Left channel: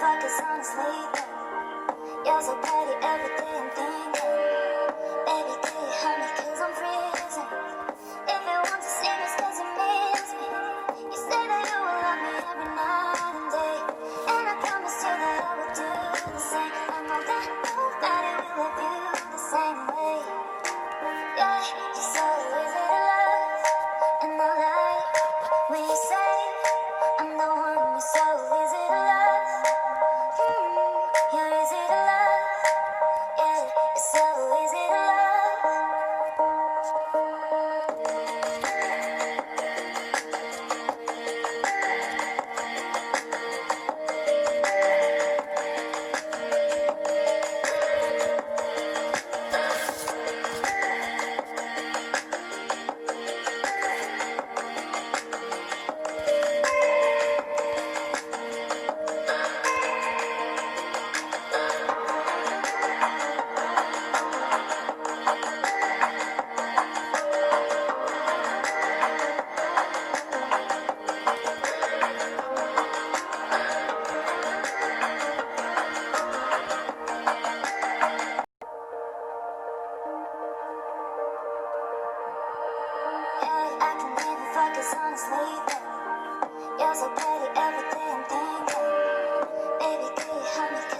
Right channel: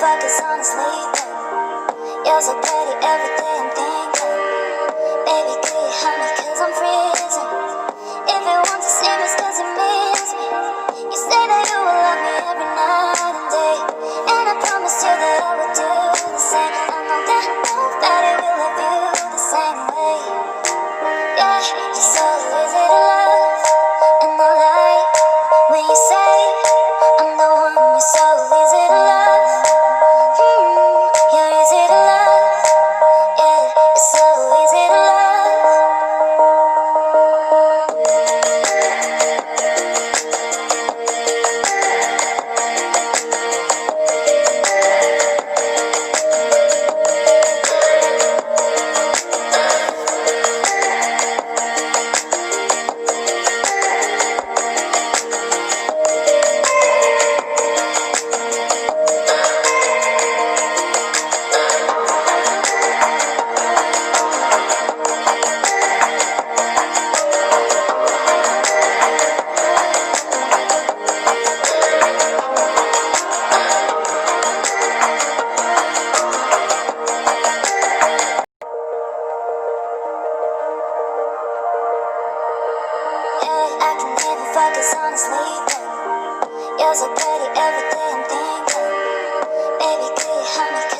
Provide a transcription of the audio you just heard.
focus on sleeping. You're so pretty every day I'm thinking. Baby, could you help me cause I'm freezing? If you want to see me it's cause you miss me. You say that you will love me every night and day, and I promised you that I would do the same. I know that nobody will love you the same way. Yeah, you're so easy to love, and I like when you say I'm the one. You're so easy to love. You're easy to love. Yeah, you're so easy to love. I can even focus on sleeping. You're so pretty every day I'm thinking. Baby, could you help me?